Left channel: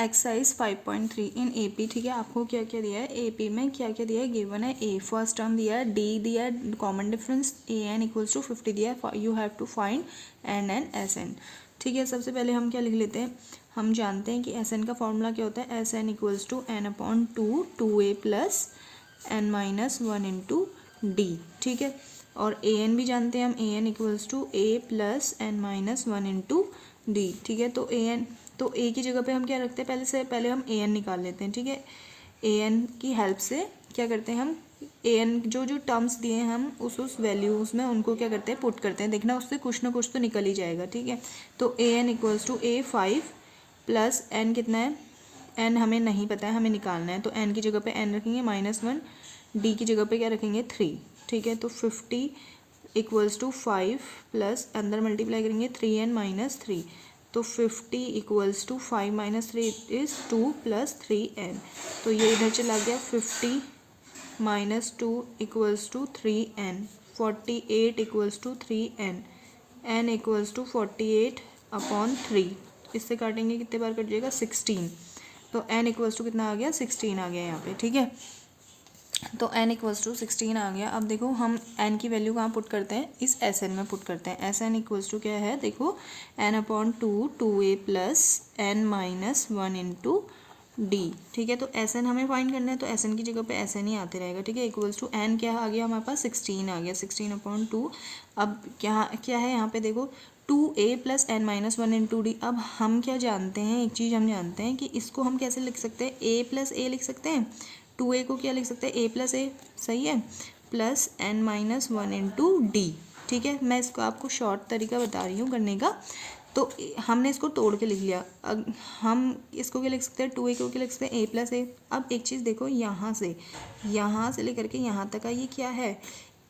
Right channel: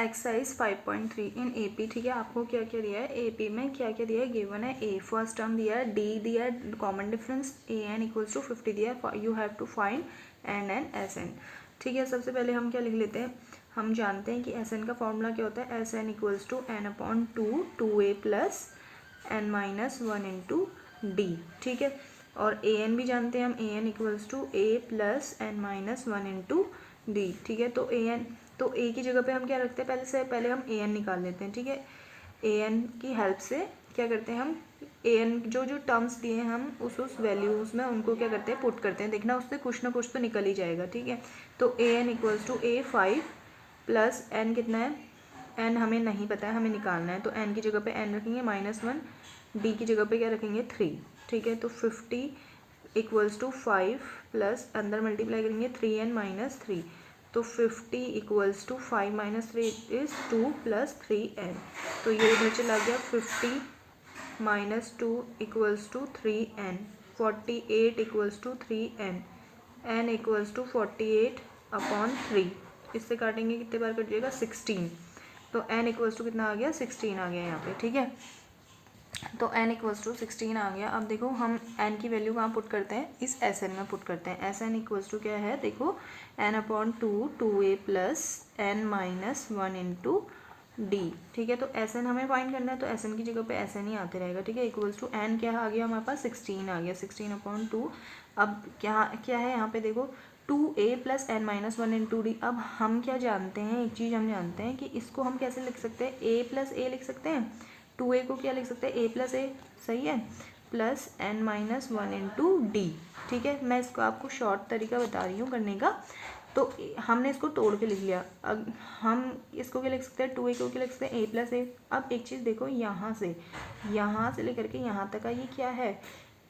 Exercise 5.3 in AP. ठीक है, आपको क्या क्या दिया है एपी में, क्या क्या दिया है, गिवन है ए फर्स्ट टर्म दिया है, डी दिया है, common difference A N equals to 50 दिया है, you have to find N N S N. ठीक है, सबसे पहले हम क्या लिख लेते हैं, हम जानते हैं कि एस एन का फॉर्मूला क्या होता है, S N equals to N upon two A plus N minus one into D. ठीक है, और ए एन भी जानते हैं हम, A N equals to A plus N minus one into D. ठीक है, तो ए एन, तो ए की जगह पे हम क्या रखते हैं, पहले हम ए एन निकाल लेते हैं। ठीक है, ए एन की हेल्प से क्या करते हैं हम, ए एन जो जो टर्म्स दिए हैं हम उस वैल्यूज़ में उनको क्या करते हैं, पुट करते हैं। देखना उससे कुछ ना कुछ तो निकल ही जाएगा। ठीक है, तो A N equals to A 5 plus N कितना है, एन हमें नहीं पता है, हमें निकालना है, तो एन की जगह पे एन रखेंगे -1, डी की जगह पे क्या रखेंगे 3। ठीक है, तो 50 इक्वल्स टू 5 प्लस अंदर मल्टीप्लाई करेंगे 3n माइनस 3, तो 50 equals to 5 minus 3 is 2 plus 3n। तो ये इधर चला गया, 50 minus 2 equals to 3n, 48 equals to 3n, n equals to 48 upon 3। इससे काटेंगे कितने बार कट जाएगा, 16। तो n इक्वल्स टू कितना आ गया, 16 आ गया यहाँ पे। ठीक है, तो n इक्वल्स टू 16 आ गया। अब देखो हम n की वैल्यू कहाँ पुट करते हैं, इस एस एन में पुट करते हैं। एस एन इक्वल्स टू क्या है, देखो n upon two A plus N minus one into D. ठीक है, तो एस एन हमें फाइंड करना है, तो एस एन की जगह पे एस एन ही आते रहेगा। ठीक है, इक्वल्स टू n क्या आ गया हमारे पास, 16 आ गया, 16 अपॉन 2। अब क्या क्या है यहाँ पे, देखो 2a plus N minus one into D. अब हम क्या जानते हैं, एक चीज़ हम जानते हैं कि इसको हम कैसे लिख सकते हैं, a प्लस ए लिख सकते हैं, 2a को क्या लिख सकते हैं, a प्लस ए, सही है, plus N minus one into D. ठीक है, मैं इसको आपको शॉर्ट तरीका बता रही हूँ करने का। तो हमने इसको तोड़ के लिख लिया। अब हम इसको क्या लिख सकते हैं, 2a को क्या लिख सकते हैं, a प्लस ए। अब एक चीज़ देखो, यहाँ से लेकर के यहाँ तक का ये क्या है,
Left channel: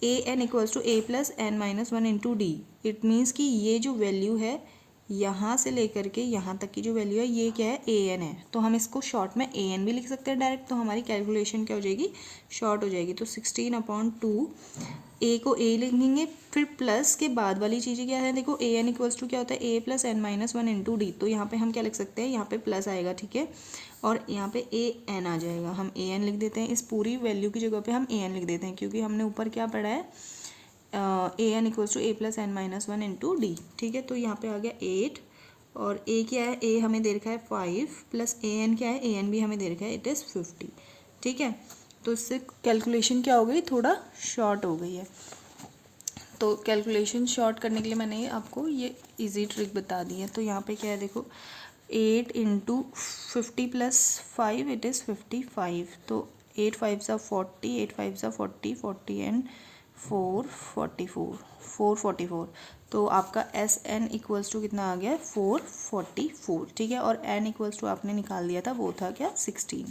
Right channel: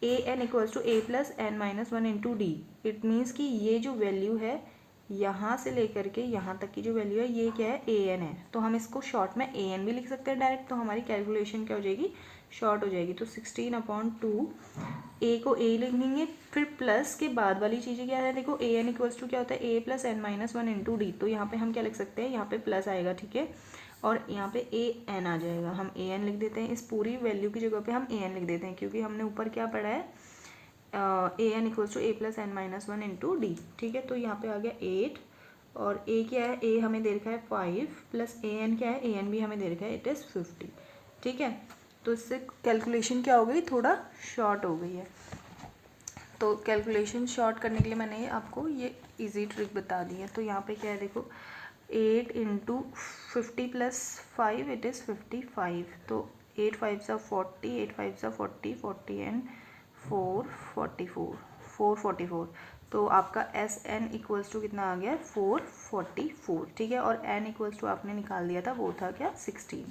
A N equals to A plus N minus one into D. It means कि ये जो वैल्यू है यहाँ से लेकर के यहाँ तक की जो वैल्यू है ये क्या है, ए एन है। तो हम इसको शॉर्ट में ए एन भी लिख सकते हैं डायरेक्ट, तो हमारी कैलकुलेशन क्या हो जाएगी, शॉर्ट हो जाएगी। तो 16 अपॉन 2, ए को ए लिखेंगे, फिर प्लस के बाद वाली चीज़ें क्या है, देखो ए एन इक्वल्स टू क्या होता है, A plus N minus one into D. तो यहाँ पे हम क्या लिख सकते हैं, यहाँ पे प्लस आएगा। ठीक है, और यहाँ पे ए एन आ जाएगा, हम ए एन लिख देते हैं। इस पूरी वैल्यू की जगह पे हम ए एन लिख देते हैं, क्योंकि हमने ऊपर क्या पढ़ा है, A N equals to A plus N minus one into D. ठीक है, तो यहाँ पे आ गया 8, और ए क्या है, ए हमें दे रखा है 5 प्लस ए एन क्या है, ए एन भी हमें दे रखा है, इट इज़ 50। ठीक है, तो इससे कैलकुलेशन क्या हो गई, थोड़ा शॉर्ट हो गई है। तो कैलकुलेशन शॉर्ट करने के लिए मैंने आपको ये इजी ट्रिक बता दी है। तो यहाँ पे क्या है, देखो 8 इंटू 50 प्लस 5 इट इज़ 55। तो 8 5 सा 40, 8 5 सा 40, 40 एंड 4 44, 444। तो आपका एस एन इक्वल्स टू कितना आ गया है, 444। ठीक है, और एन इक्वल्स टू आपने निकाल दिया था, वो था क्या, 16।